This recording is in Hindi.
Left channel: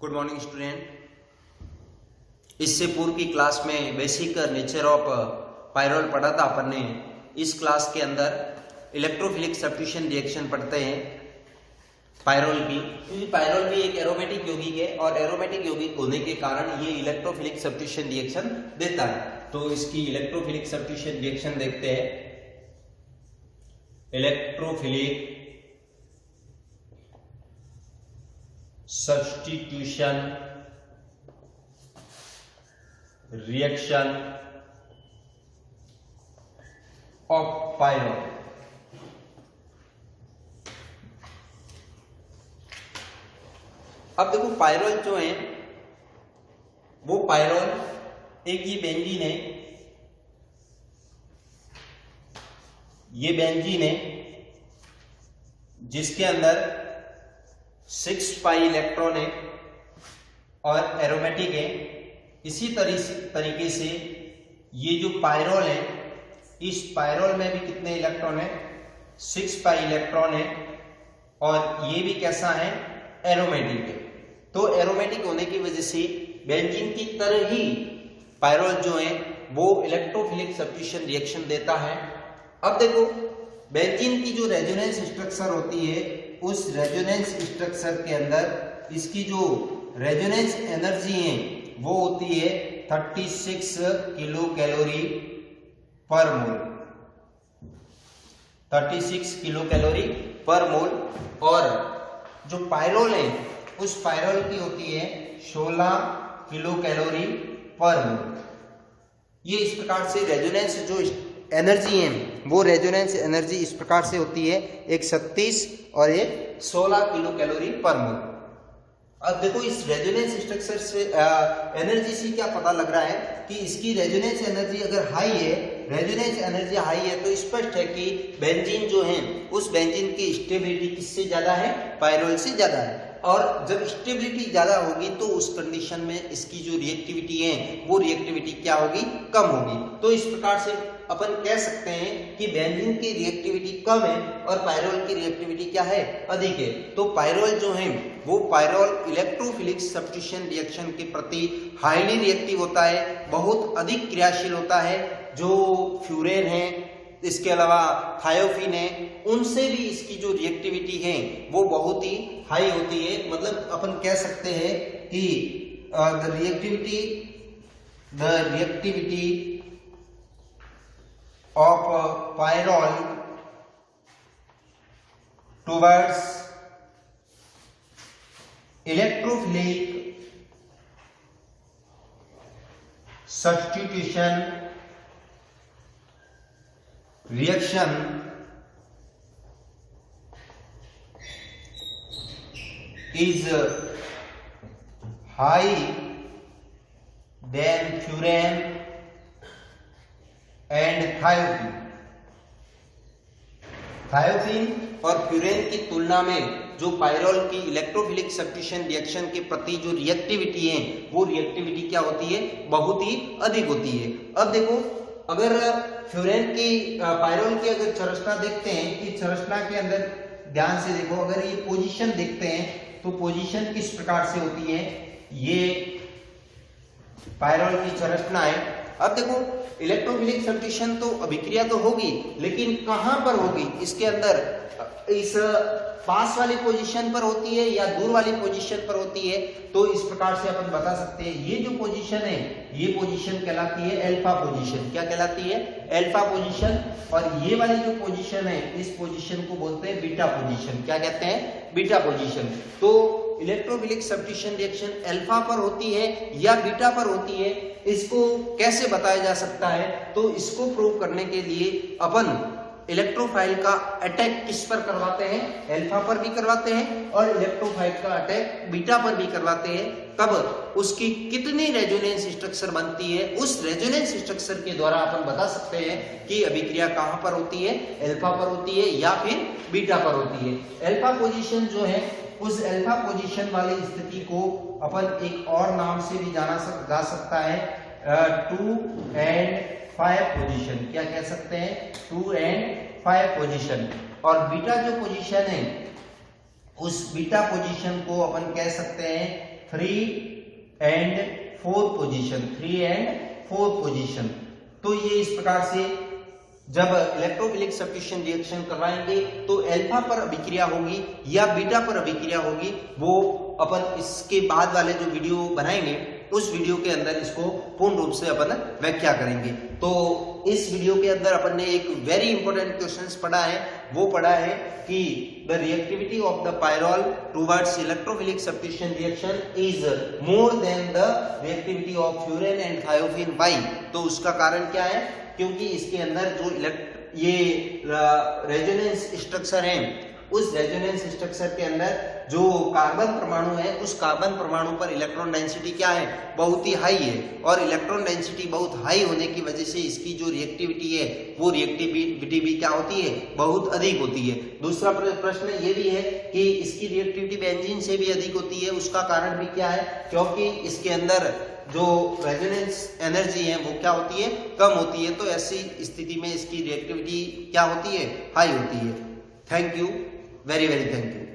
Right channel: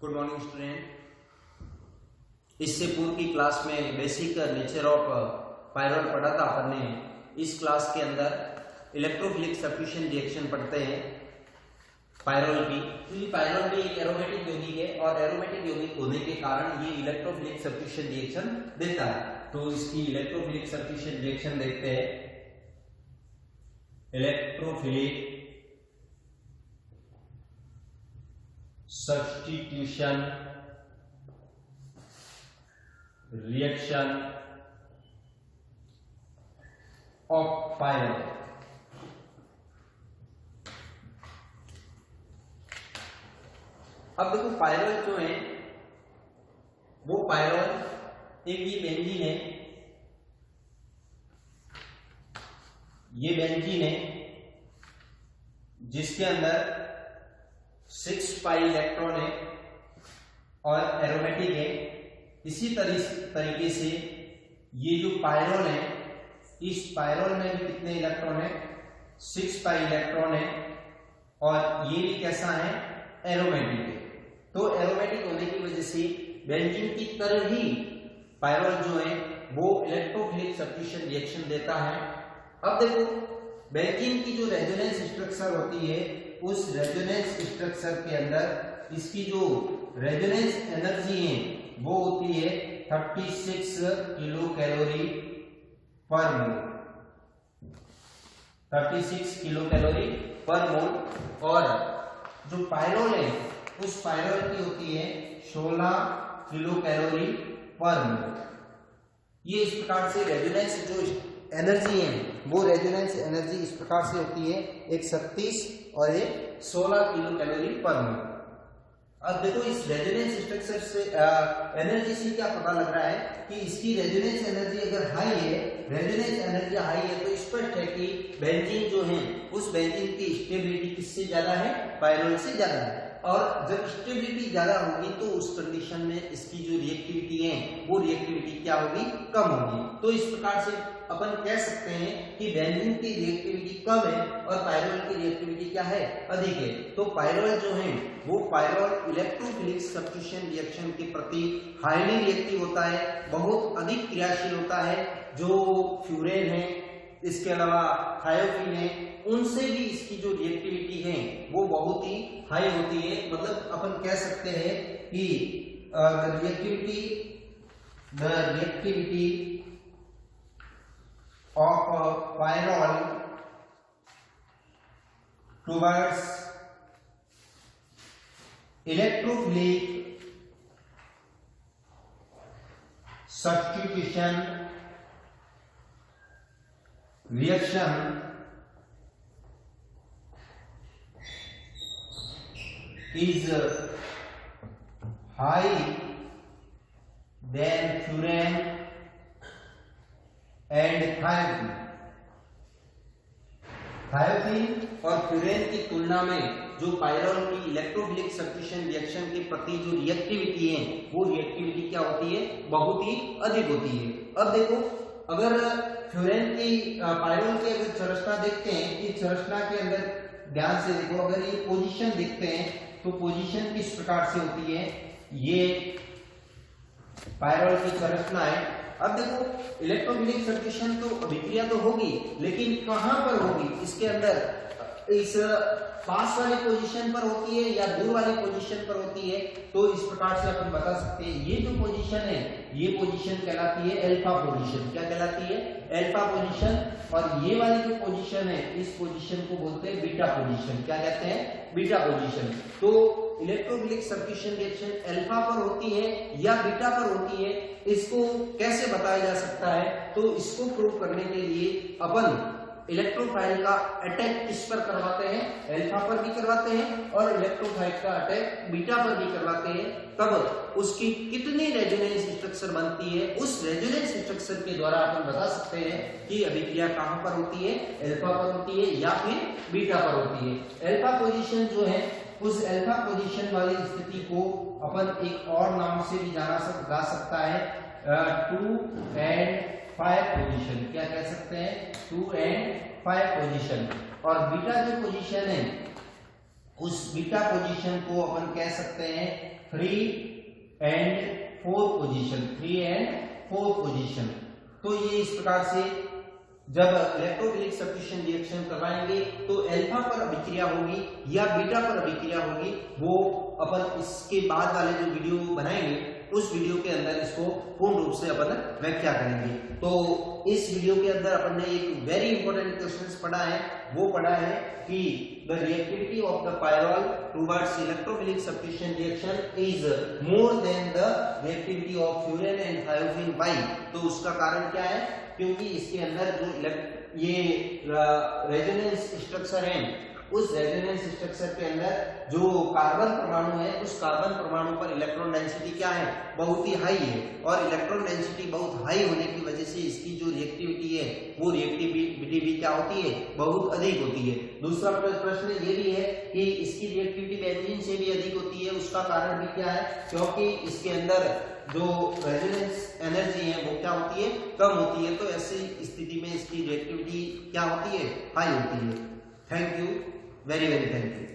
Good morning student. इससे पूर्व की क्लास में बेसिक नेचर ऑफ पायरोल पढ़ा था अपन ने। इस क्लास के अंदर इलेक्ट्रोफिलिक सब्स्टिट्यूशन रिएक्शन पढ़ते हैं पायरोल की, क्योंकि पायरोल भी एक एरोमेटिक यौगिक है और एरोमेटिक यौगिक होने के कारण ये इलेक्ट्रोफिलिक सब्स्टिट्यूशन रिएक्शन देता है। तो इसकी इलेक्ट्रोफिलिक सब्स्टिट्यूशन रिएक्शन देखते हैं। Electrophilic substitution reaction of pyrrole. अब देखो पायरोल जो है वो पायरोल एक ये बेंजीन है, ये बेंजीन है जिसके अंदर 6 पाई इलेक्ट्रॉन है और एरोमेटिक है। इसी तरीके से ये जो पायरोल है, इस पायरोल में भी कितने इलेक्ट्रॉन है? 6 पाई इलेक्ट्रॉन है और ये भी कैसा है? एरोमेटिक है। तो एरोमेटिक होने की वजह से बेंजीन की तरह ही पायरोल जो है वो इलेक्ट्रोफिलिक सब्स्टिट्यूशन रिएक्शन देता है। अब देखो बेंजीन की जो रेजोनेंस स्ट्रक्चर होती है, उस रेजोनेंस स्ट्रक्चर के अंदर इसकी जो रेजोनेंस एनर्जी है वो होती है 36 किलो कैलोरी पर मोल, 36 किलो कैलोरी पर मोल। और जो पायरोल है उस पायरोल की होती है 16 किलो कैलोरी पर मोल। ये इस प्रकार से रेजोनेंस जो एनर्जी है वो रेजोनेंस एनर्जी इस प्रकार से होती है, एक 36 और एक 16 किलो कैलोरी पर मोल। अब देखो इस रेजोनेंस स्ट्रक्चर से एनर्जी से क्या पता लग रहा है कि इसकी रेजोनेंस एनर्जी अगर हाई है, रेजोनेंस एनर्जी हाई है तो स्पष्ट है कि बेंजीन जो है उस बेंजीन की स्टेबिलिटी किससे ज्यादा है? पायरोल से ज्यादा है। और जब स्टेबिलिटी ज्यादा होगी तो उस कंडीशन में इसकी जो रिएक्टिविटी है वो रिएक्टिविटी क्या होगी? कम होगी। तो इस प्रकार से अपन कह सकते हैं कि बेंजीन की रिएक्टिविटी कम है और पायरोल की रिएक्टिविटी क्या है? अधिक है। तो पायरोल जो है वो पायरोल इलेक्ट्रोफिलिक सब्स्टिट्यूशन रिएक्शन के प्रति हाईली रिएक्टिव होता है, बहुत अधिक क्रियाशील होता है। जो फ्यूरेन है, इसके अलावा थायोफिन है, उनसे भी इसकी जो रिएक्टिविटी है वो बहुत ही हाई होती है। मतलब अपन कह सकते हैं कि the reactivity of pyrrole towards electrophilic substitution reaction is high than furan and thiophene. Thiophene और फ्यूरेन की तुलना में जो पायरोल की इलेक्ट्रोफिलिक सब्स्टिट्यूशन रिएक्शन के प्रति जो रिएक्टिविटी है वो रिएक्टिविटी क्या होती है? बहुत ही अधिक होती है। अब देखो अगर फ्यूरेन की पायरोल की अगर संरचना देखते हैं कि संरचना के अंदर ध्यान से देखो, अगर ये पोजीशन देखते हैं तो पोजीशन किस प्रकार से होती है? ये पायरोल की संरचना है। अब देखो इलेक्ट्रोफिलिक सब्स्टिट्यूशन तो अभिक्रिया तो होगी, लेकिन कहां पर होगी? इसके अंदर इस पास वाली पोजीशन पर होती है या दूर वाली पोजीशन पर होती है? तो इस प्रकार से अपन बता सकते हैं ये जो पोजीशन है ये पोजीशन कहलाती है अल्फा पोजीशन। क्या कहलाती है? Alpha position. और ये वाली जो पोजीशन है इस पोजीशन को बोलते हैं बीटा पोजीशन। क्या कहते हैं? Beta position. तो इलेक्ट्रोफिलिक सब्स्टिट्यूशन रिएक्शन अल्फा पर होती है या बीटा पर होती है, इसको कैसे बताया जा सकता है? तो इसको प्रूव करने के लिए अपन इलेक्ट्रोफाइल का अटैक किस पर करवाते हैं? अल्फा पर भी करवाते हैं और इलेक्ट्रोफाइल का अटैक बीटा पर भी करवाते हैं। तब उसकी कितनी रेजोनेंस स्ट्रक्चर बनती है, उस रेजोनेंस स्ट्रक्चर के द्वारा अपन बता सकते हैं कि अभिक्रिया कहां पर होती है? अल्फा पर होती है या फिर बीटा पर होती है। अल्फा पोजीशन जो है उस अल्फा पोजीशन वाली स्थिति को अपन एक और नाम से भी जा सकता है 2 and 5 पोजीशन। क्या कह सकते हैं? 2 and 5 पोजीशन। और बीटा जो पोजीशन है उस बीटा पोजीशन को अपन कह सकते हैं 3 and 4 पोजीशन। तो ये इस प्रकार से जब इलेक्ट्रोफिलिक सब्स्टिट्यूशन रिएक्शन करवाएंगे तो अल्फा पर अभिक्रिया होगी या बीटा पर अभिक्रिया होगी, वो अपन इसके बाद वाले जो वीडियो बनाएंगे उस वीडियो के अंदर इसको पूर्ण रूप से अपन व्याख्या करेंगे। तो इस वीडियो के अंदर अपन ने एक वेरी इंपॉर्टेंट क्वेश्चंस पढ़ा है, वो पढ़ा है कि the reactivity of the pyrrole towards electrophilic substitution reaction is more than the reactivity of furan and thiophene. Why? तो उसका कारण क्या है? क्योंकि इसके अंदर जो ये रेजोनेंस स्ट्रक्चर है, उस रेजोनेंस स्ट्रक्चर के अंदर जो कार्बन परमाणु है, उस कार्बन परमाणु पर इलेक्ट्रॉन डेंसिटी क्या है? बहुत ही हाई है। और इलेक्ट्रॉन डेंसिटी बहुत हाई होने की वजह से इसकी जो रिएक्टिविटी है, वो रिएक्टिविटी भी क्या होती है? बहुत अधिक होती है। दूसरा प्रश्न ये भी है कि इसकी रिएक्टिविटी बेंजीन से भी अधिक होती है। उसका कारण भी क्या है? क्योंकि इसके अंदर जो रेजोनेंस एनर्जी है वो क्या होती है? कम होती है। तो ऐसी स्थिति में इसकी रिएक्टिविटी क्या होती है? हाई होती है। Thank you, very very thank you.